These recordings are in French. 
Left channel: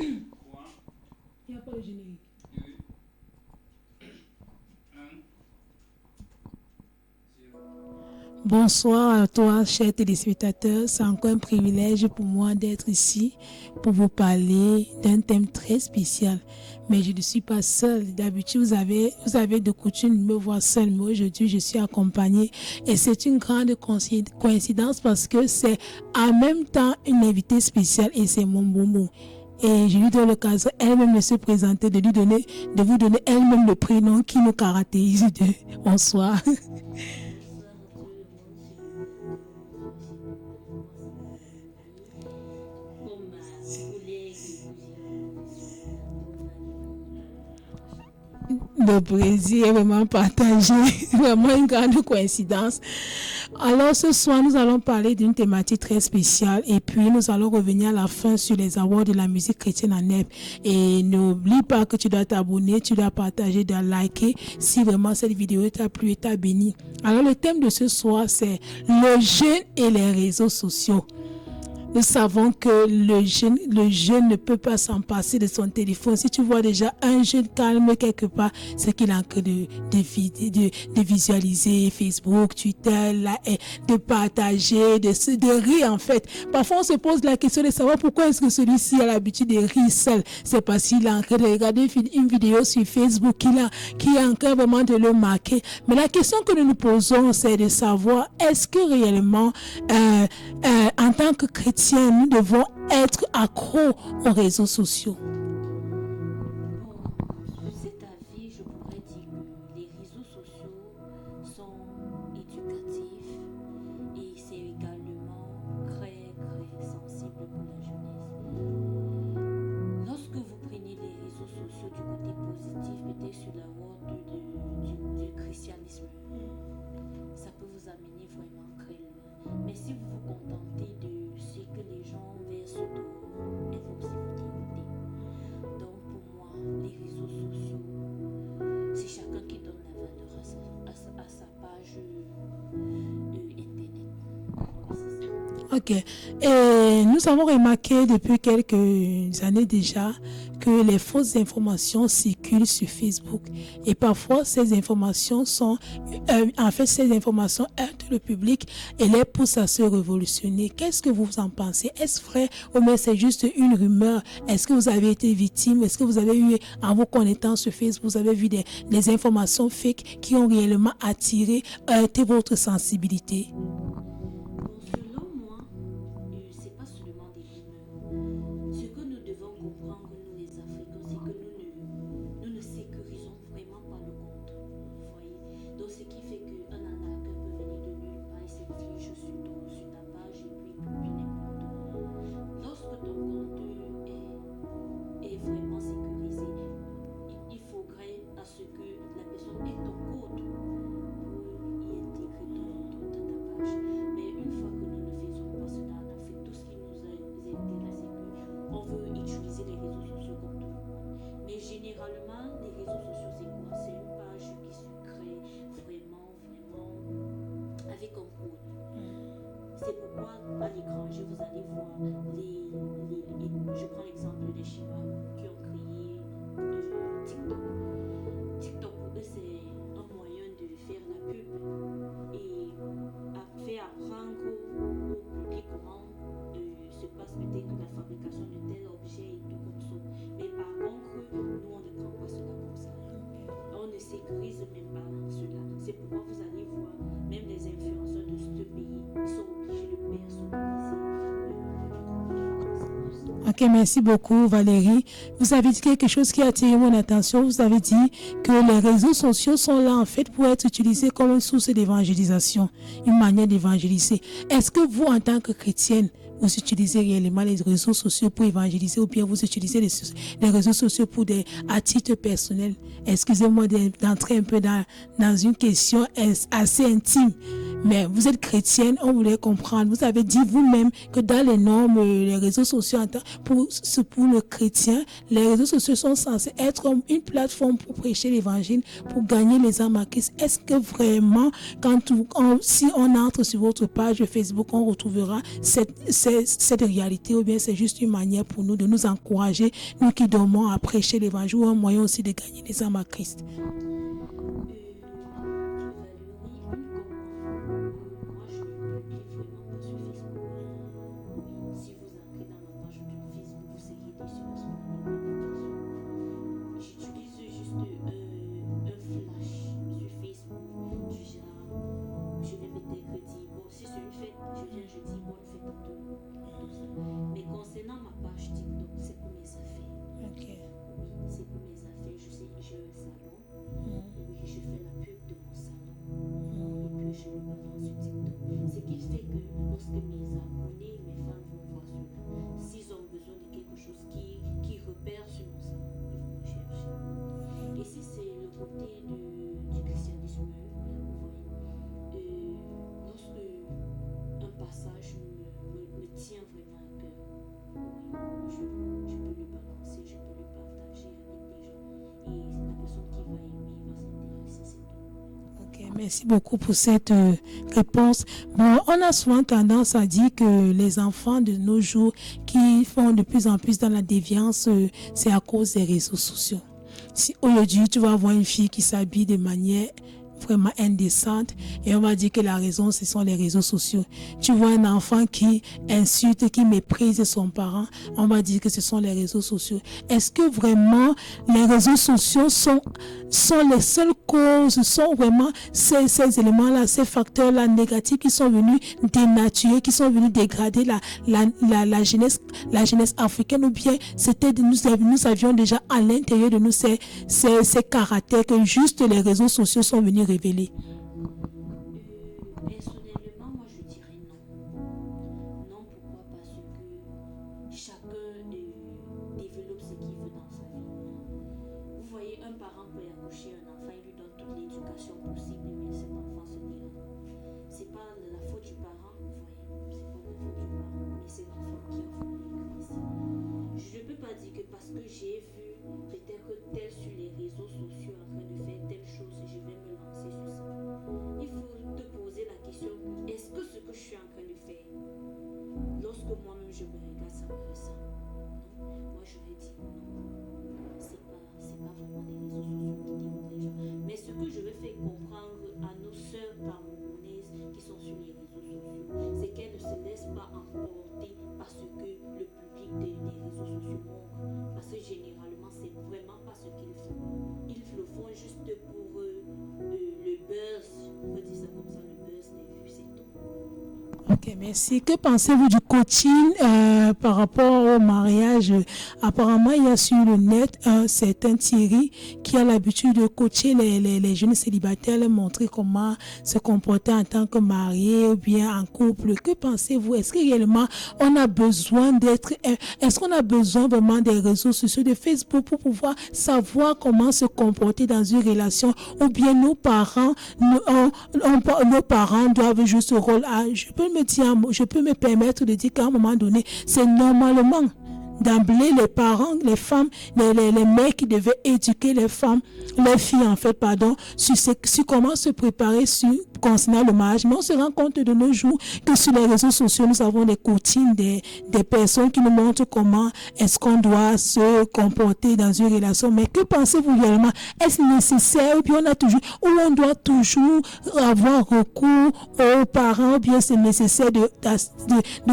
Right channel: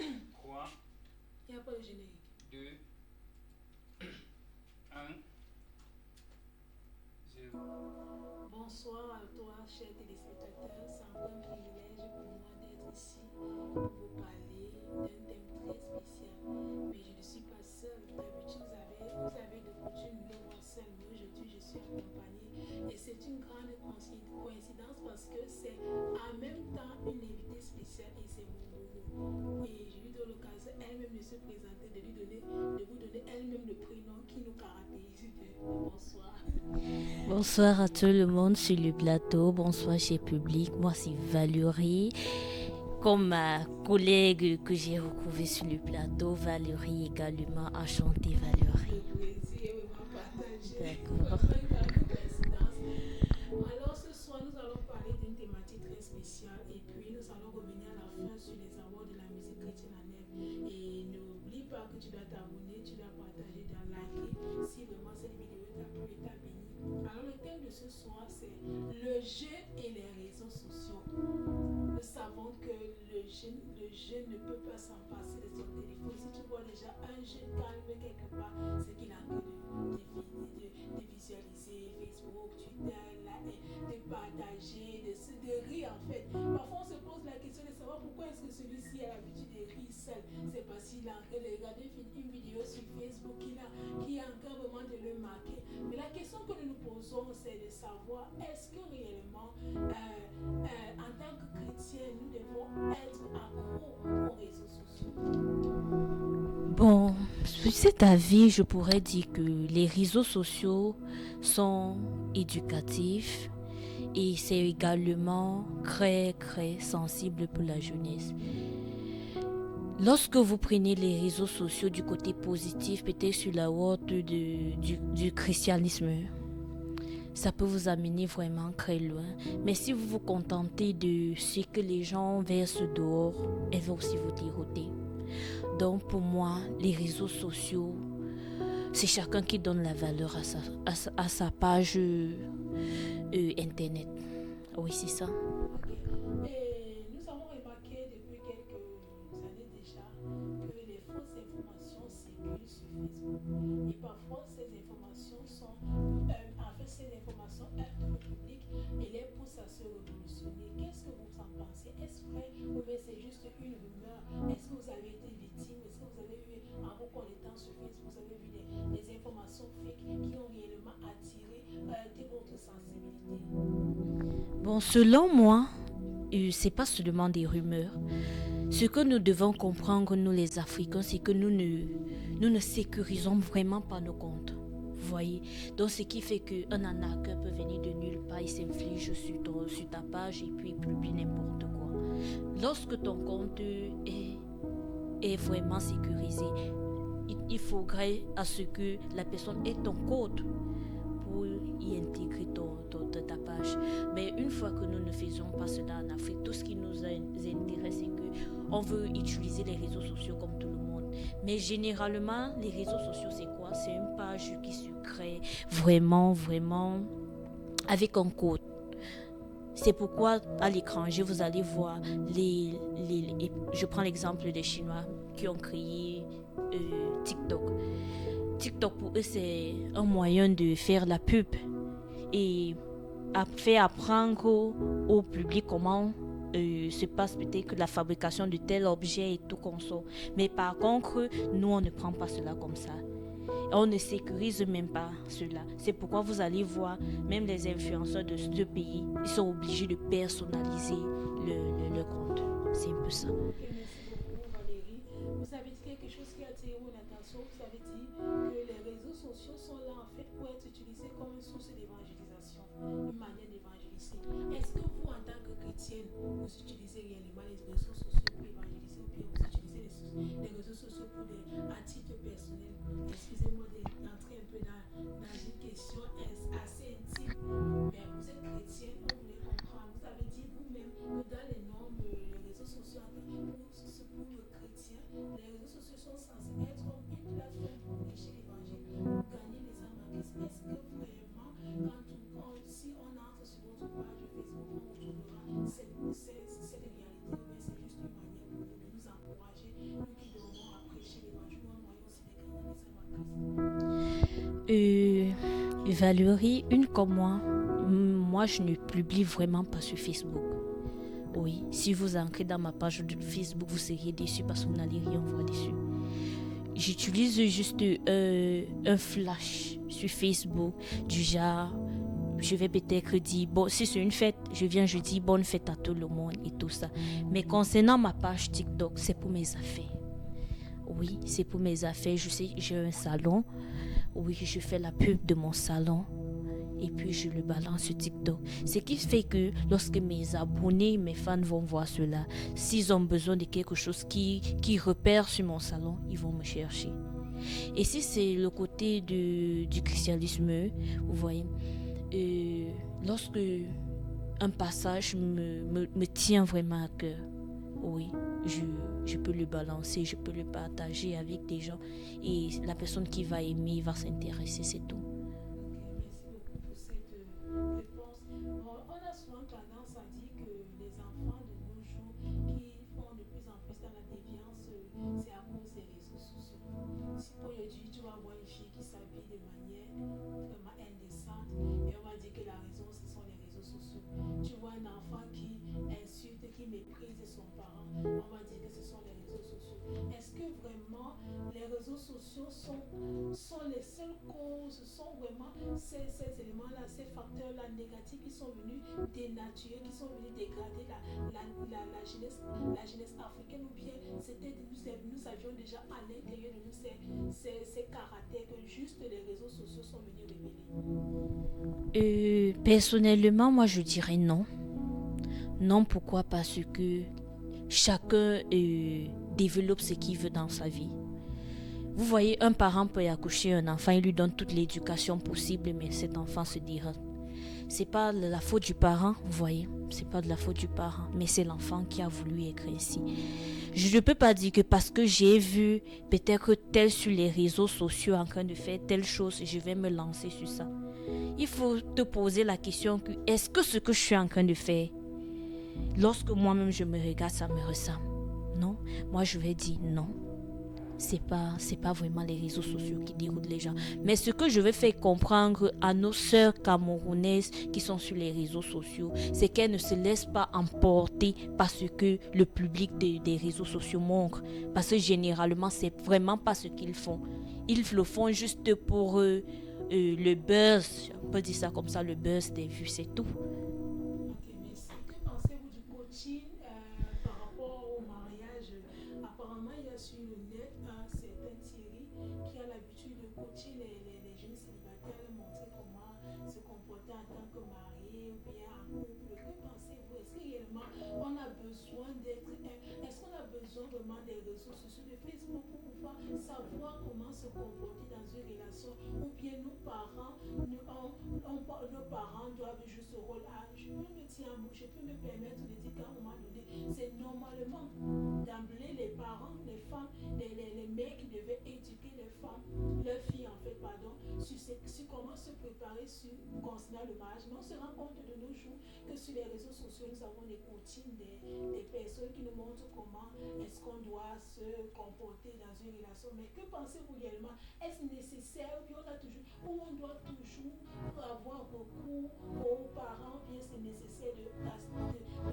3, Il n'y a pas le générique. 2, 1, 0. Bonsoir à toi, chers téléspectateurs. C'est encore un privilège pour moi d'être ici pour vous parler d'un thème très spécial. Mais je ne suis pas seule. D'habitude, vous avez de coutume de me voir seule. Mais aujourd'hui, je suis accompagnée. Et c'est une grande coïncidence parce que c'est en même temps une invitée spéciale et c'est mon bonbon. Et je lui donne l'occasion elle-même de se présenter, de vous donner elle-même le prénom qui nous caractérise. Bonsoir. Bonsoir à tout le monde sur le plateau, bonsoir chez public, moi c'est Valérie, comme ma collègue que j'ai retrouvée sur le plateau, Valérie également, enchantée Valérie. Le plaisir est vraiment partagé, vraiment une grande coïncidence. Alors ce soir nous allons parler d'une thématique très spéciale et puis nous allons revenir à la fin sur les awards de la musique chrétienne en Nep. Et n'oublie pas que tu dois t'abonner, tu dois partager, tu dois liker si vraiment cette vidéo t'a plu et t'a béni. Alors le thème de ce soir c'est le jeûne et les réseaux sociaux. Nous savons que le jeune ne peut pas s'en passer de son téléphone. Si tu vois déjà un jeune calme quelque part, c'est qu'il est en train de visualiser Facebook, Twitter, de partager, de rire en fait. Parfois on se pose la question de savoir pourquoi est-ce que celui-ci a l'habitude de rire seul. C'est parce qu'il est en train de regarder une vidéo sur Facebook qui est en train vraiment de le marquer. Mais la question que nous nous posons, c'est de savoir est-ce que réellement en tant que chrétien, nous devons être accros aux réseaux sociaux. Bon, sur cet avis, je pourrais dire que les réseaux sociaux sont éducatifs et c'est également très sensible pour la jeunesse. Lorsque vous prenez les réseaux sociaux du côté positif, peut-être sur la route du christianisme, ça peut vous amener vraiment très loin. Mais si vous vous contentez de ce que les gens versent dehors, elle va aussi vous dérouter. Donc pour moi, les réseaux sociaux, c'est chacun qui donne la valeur à sa page internet. Oui, c'est ça. Ok. Et nous avons remarqué depuis quelques années déjà que les fausses informations circulent sur Facebook. Et parfois, ces informations ces informations aident le public et les poussent à se révolutionner. Qu'est-ce que vous en pensez? Est-ce vrai ou bien c'est juste une rumeur? Est-ce que vous avez été victime? Est-ce que vous avez eu, en vous connectant sur Facebook, vous avez vu des informations fake qui ont réellement heurté votre sensibilité? Bon, selon moi, c'est pas seulement des rumeurs. Ce que nous devons comprendre, nous les Africains, c'est que nous ne sécurisons vraiment pas nos comptes. Vous voyez? Donc, ce qui fait qu'un arnaqueur peut venir de nulle part, il s'inflige sur ta page et puis il publie n'importe quoi. Lorsque ton compte est vraiment sécurisé, il faudrait à ce que la personne ait ton code pour y intégrer ta page. Mais une fois que nous ne faisons pas cela en Afrique, tout ce qui nous intéresse, c'est qu'on veut utiliser les réseaux sociaux comme tout le monde. Mais généralement, les réseaux sociaux, c'est quoi? C'est une page qui se crée vraiment avec un code. C'est pourquoi à l'étranger, vous allez voir je prends l'exemple des Chinois qui ont créé TikTok. TikTok, pour eux, c'est un moyen de faire la pub et faire apprendre au public comment se passe peut-être que la fabrication de tel objet et tout conso. Mais par contre, nous, on ne prend pas cela comme ça. On ne sécurise même pas cela. C'est pourquoi vous allez voir, même les influenceurs de ce pays, ils sont obligés de personnaliser le compte. C'est un peu ça. Ok, merci beaucoup Valérie. Vous avez dit quelque chose qui a attiré mon attention. Vous avez dit que les réseaux sociaux sont là en fait pour être utilisés comme une source d'évangélisation, une manière d'évangéliser. Est-ce que vous, en tant que chrétienne, vous utilisez réellement les réseaux sociaux pour évangéliser ou bien vous utilisez les réseaux sociaux à titre personnel? Excusez-moi d'entrer un peu dans une question assez intime, mais vous êtes chrétienne, on voulait comprendre. Vous avez dit vous-même que dans les normes, les réseaux sociaux, pour le chrétien, les réseaux sociaux sont censés être comme une plateforme pour prêcher l'évangile, pour gagner les âmes à Christ. Est-ce que vraiment, si on entre sur votre page Facebook, on retrouvera cette cette réalité ou bien c'est juste une manière pour nous de nous encourager, nous qui dormons à prêcher l'évangile, ou un moyen aussi de gagner les âmes à Christ? Valérie, une comme moi je ne publie vraiment pas sur Facebook. Oui, si vous entrez dans ma page de Facebook, vous seriez déçus parce que vous n'allez rien voir dessus. J'utilise juste un flash sur Facebook du genre, je vais peut-être dire, bon, si c'est une fête, je dis bonne fête à tout le monde et tout ça. Mais concernant ma page TikTok, c'est pour mes affaires. Oui, c'est pour mes affaires. Je sais, j'ai un salon. Oui, je fais la pub de mon salon. Et puis, je le balance sur TikTok. Ce qui fait que lorsque mes abonnés, mes fans vont voir cela, s'ils ont besoin de quelque chose qui repère sur mon salon, ils vont me chercher. Et si c'est le côté du christianisme, vous voyez, lorsque un passage me tient vraiment à cœur, oui, je peux le balancer, je peux le partager avec des gens et la personne qui va aimer va s'intéresser, c'est tout. Ok, merci beaucoup pour cette réponse. Bon, on a souvent tendance à dire que les enfants de nos jours qui font de plus en plus dans la déviance, c'est à cause des réseaux sociaux. Si aujourd'hui tu vas voir une fille qui s'habille de manière vraiment indécente et on va dire que la raison ce sont les réseaux sociaux. Tu vois un enfant qui insulte, qui méprise son parent, on va dire que ce sont les réseaux sociaux. Est-ce que vraiment les réseaux sociaux sont les seules causes, sont vraiment ces éléments-là, ces facteurs-là négatifs qui sont venus dénaturer, qui sont venus dégrader la jeunesse africaine, ou bien c'était nous avions déjà à l'intérieur de nous ces caractères que juste les réseaux sociaux sont venus révéler? Personnellement, moi je dirais non. Non, pourquoi? Parce que chacun développe ce qu'il veut dans sa vie. Vous voyez, un parent peut accoucher un enfant, il lui donne toute l'éducation possible, mais cet enfant se dira. C'est pas la faute du parent, vous voyez, c'est pas de la faute du parent, mais c'est l'enfant qui a voulu être ainsi. Je ne peux pas dire que parce que j'ai vu peut-être tel sur les réseaux sociaux en train de faire telle chose, je vais me lancer sur ça. Il faut te poser la question que est-ce que ce que je suis en train de faire, lorsque moi-même je me regarde, ça me ressemble? Non, moi je vais dire non. C'est pas vraiment les réseaux sociaux qui déroutent les gens. Mais ce que je veux faire comprendre à nos sœurs camerounaises qui sont sur les réseaux sociaux, c'est qu'elles ne se laissent pas emporter par ce que le public des réseaux sociaux montre. Parce que généralement, c'est vraiment pas ce qu'ils font. Ils le font juste pour le buzz. On peut dire ça comme ça, le buzz des vues, c'est tout. Ok, merci. Que pensez-vous du coaching par rapport au mariage? Apparemment, il y a sur le net un certain Thierry qui a l'habitude de coacher les jeunes célibataires, leur montrer comment se comporter en tant que marié ou bien en couple. Que pensez-vous? Est-ce que réellement on a besoin est-ce qu'on a besoin vraiment des réseaux sociaux, de Facebook pour pouvoir savoir comment se comporter dans une relation, ou bien nos parents doivent jouer ce rôle? Je peux me permettre de dire qu'à un moment donné, c'est normalement d'emblée les parents, les femmes, les mecs qui devaient éduquer les filles sur comment se préparer concernant le mariage. Mais on se rend compte de nos jours que sur les réseaux sociaux, nous avons des coachings, des personnes qui nous montrent comment est-ce qu'on doit se comporter dans une relation. Mais que pensez-vous réellement? Est-ce nécessaire, ou bien on doit toujours avoir recours aux parents, ou bien c'est nécessaire de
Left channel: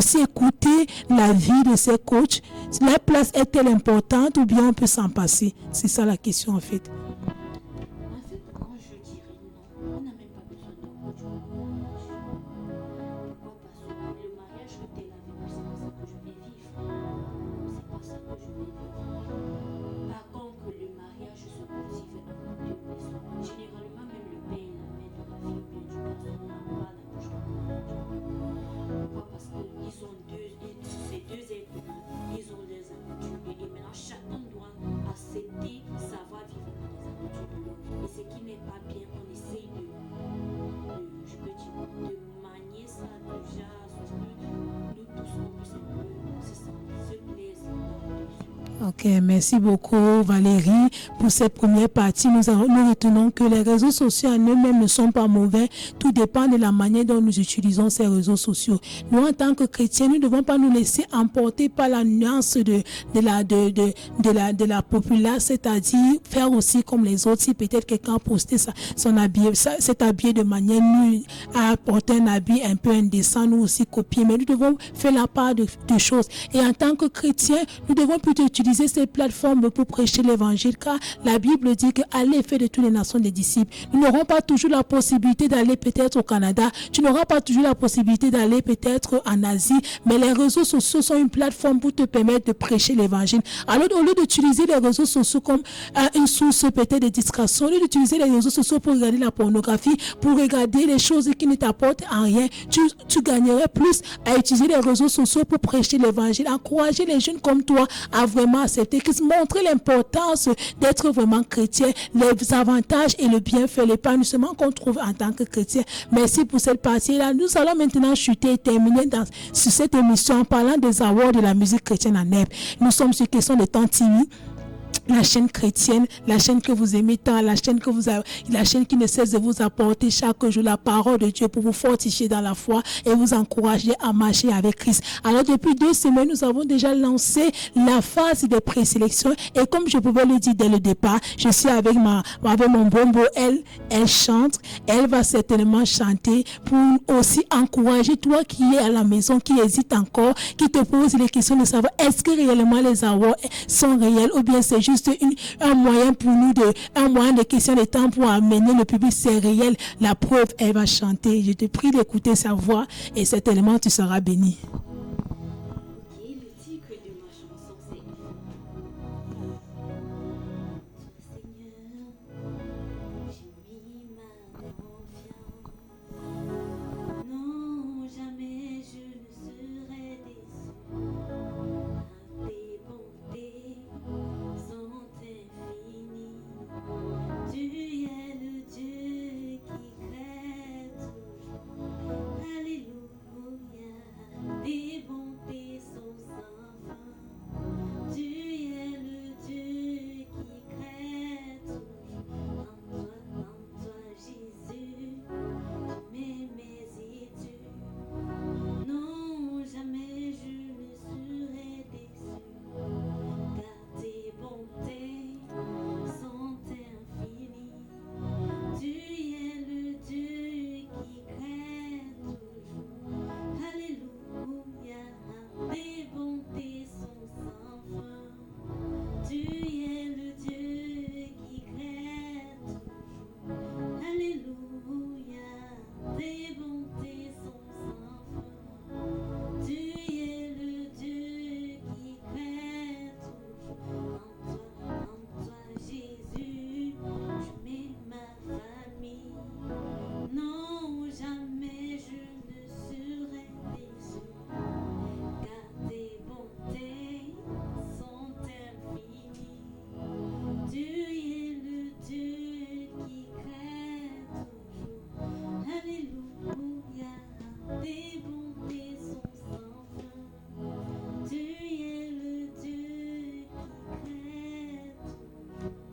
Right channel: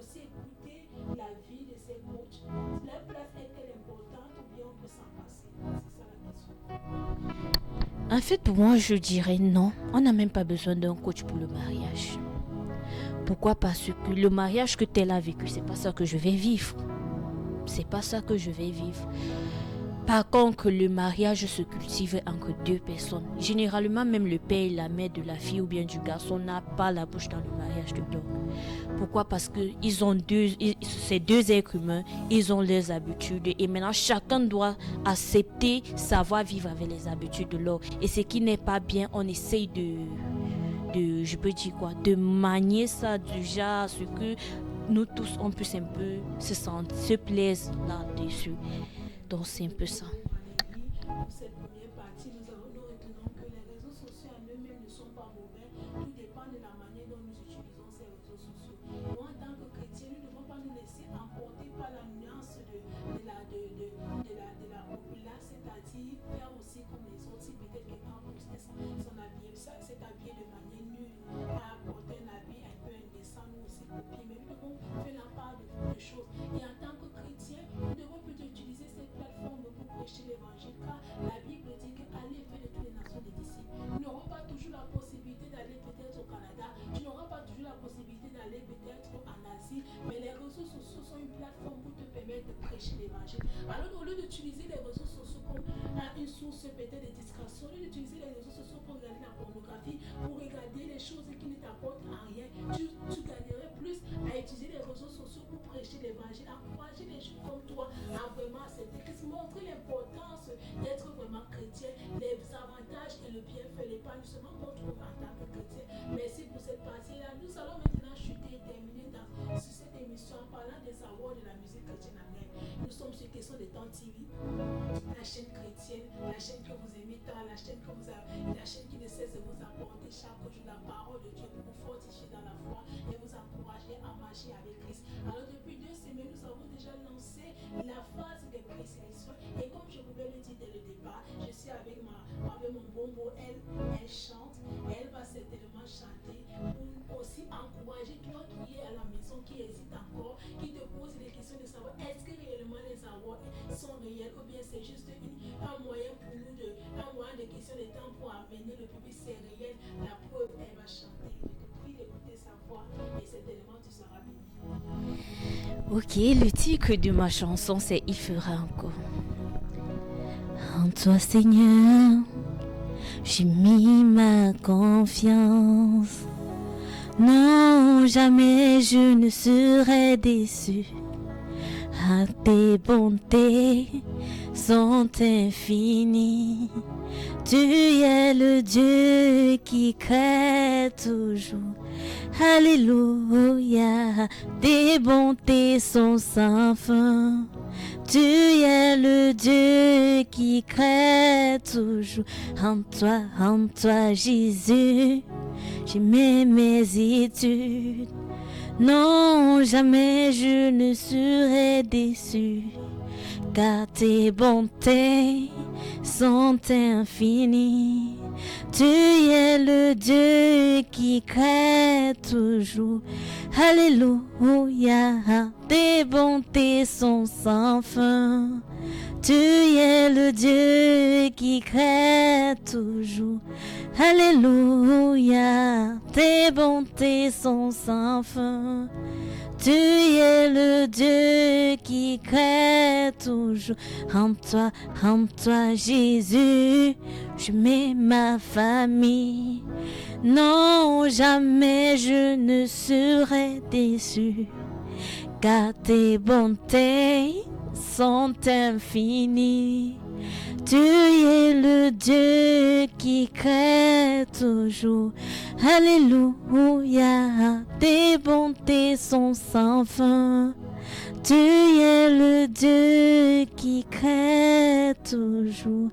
s'écouter la vie de ces coachs? La place est-elle importante, ou bien on peut s'en passer? C'est ça la question en fait. En fait, pour moi, je dirais non. On n'a même pas besoin d'un coach pour le mariage. Pourquoi? Parce que le mariage que tel a vécu, c'est pas ça que je vais vivre. C'est pas ça que je vais vivre. Par contre, le mariage se cultive entre deux personnes. Généralement, même le père et la mère de la fille ou bien du garçon n'a pas la bouche dans le mariage de l'autre. Pourquoi? Parce que ces deux êtres humains, ils ont leurs habitudes et maintenant chacun doit accepter, savoir vivre avec les habitudes de l'autre. Et ce qui n'est pas bien, on essaye de manier ça du genre, ce que nous tous, on puisse un peu se plaire là-dessus. Ok, merci beaucoup Valérie pour cette première partie. Nous retenons que les réseaux sociaux en eux-mêmes ne sont pas mauvais. Tout dépend de la manière dont nous utilisons ces réseaux sociaux. Nous, en tant que chrétiens, nous ne devons pas nous laisser emporter par la nuance de la populace, c'est-à-dire faire aussi comme les autres. Si peut-être quelqu'un a posté s'est habillé de manière nulle, a porté un habit un peu indécent, nous aussi copier. Mais nous devons faire la part de choses. Et en tant que chrétiens, nous devons plutôt utiliser ces plateformes pour prêcher l'évangile, car la Bible dit que allez faire de toutes les nations des disciples. Nous n'aurons pas toujours la possibilité d'aller peut-être au Canada, tu n'auras pas toujours la possibilité d'aller peut-être en Asie, mais les réseaux sociaux sont une plateforme pour te permettre de prêcher l'évangile. Alors au lieu d'utiliser les réseaux sociaux comme une source peut-être de distraction, au lieu d'utiliser les réseaux sociaux pour regarder la pornographie, pour regarder les choses qui ne t'apportent en rien, tu gagnerais plus à utiliser les réseaux sociaux pour prêcher l'évangile, encourager les jeunes comme toi à vraiment accepter, montrer l'importance d'être vraiment chrétien, les avantages et le bienfait, l'épanouissement qu'on trouve en tant que chrétien. Merci pour cette partie-là. Nous allons maintenant chuter et terminer sur cette émission en parlant des awards de la musique chrétienne en Neb. Nous sommes sur question de Temps TV, la chaîne chrétienne, la chaîne que vous aimez tant, la chaîne qui ne cesse de vous apporter chaque jour la parole de Dieu pour vous fortifier dans la foi et vous encourager à marcher avec Christ. Alors depuis 2 semaines, nous avons déjà lancé la phase de présélection et comme je pouvais le dire dès le départ, je suis avec mon bombo, elle chante, elle va certainement chanter pour aussi encourager toi qui es à la maison, qui hésite encore, qui te pose les questions de savoir est-ce que réellement les awards sont réels ou bien c'est juste un moyen pour nous, un moyen de question de temps pour amener le public, c'est réel. La preuve, elle va chanter. Je te prie d'écouter sa voix et certainement tu seras béni. Ok, le titre de ma chanson, c'est Il fera encore. En toi, Seigneur, j'ai mis ma confiance. Non, jamais je ne serai déçu. Ah, tes bontés sont infinies. Tu es le Dieu qui crée toujours. Alléluia, tes bontés sont sans fin. Tu es le Dieu qui crée toujours. En toi, Jésus, j'ai mes études. Non, jamais je ne serai déçu, car tes bontés sont infinies. Tu es le Dieu qui crée toujours. Alléluia, tes bontés sont sans fin. Tu es le Dieu qui crée toujours. Alléluia, tes bontés sont sans fin. Tu es le Dieu qui crée toujours. En toi, Jésus, je mets ma famille. Non, jamais je ne serai déçu, car tes bontés sont infinies. Tu es le Dieu qui crée toujours. Alléluia, tes bontés sont sans fin. Tu es le Dieu qui crée toujours.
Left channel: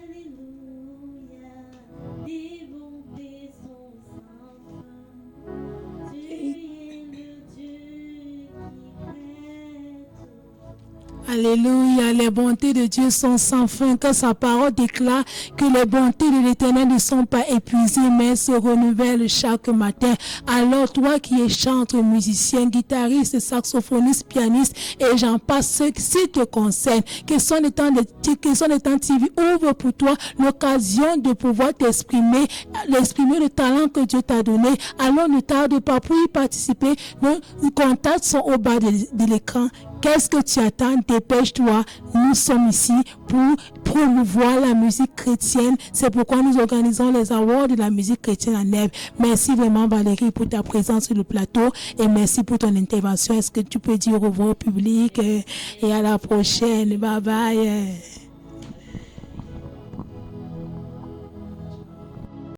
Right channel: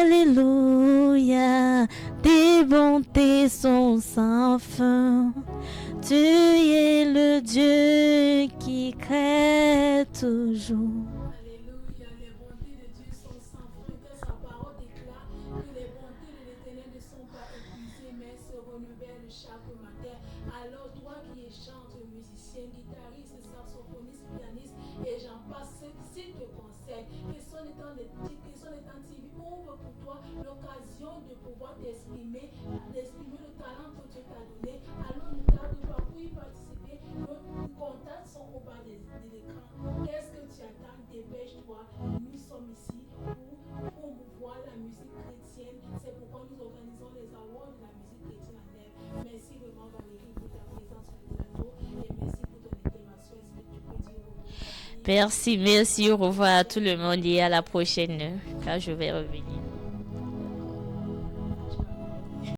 Alléluia, tes bontés sont sans fin. Tu es le Dieu qui crée toujours. Alléluia, les bontés de Dieu sont sans fin, que sa parole déclare que les bontés de l'Éternel ne sont pas épuisées, mais se renouvellent chaque matin. Alors toi qui es chanteur, musicien, guitariste, saxophoniste, pianiste, et j'en passe, ceux qui te concernent, que son état TV ouvre pour toi l'occasion de pouvoir t'exprimer, le talent que Dieu t'a donné. Alors ne tarde pas pour y participer. Nos contacts sont au bas de l'écran. Qu'est-ce que tu attends? Dépêche-toi. Nous sommes ici pour promouvoir la musique chrétienne. C'est pourquoi nous organisons les awards de la musique chrétienne en Neb. Merci vraiment Valérie pour ta présence sur le plateau et merci pour ton intervention. Est-ce que tu peux dire au revoir au public? Merci, et à la au revoir à tout le monde et à la Bye bye. prochaine. Là, je vais revenir.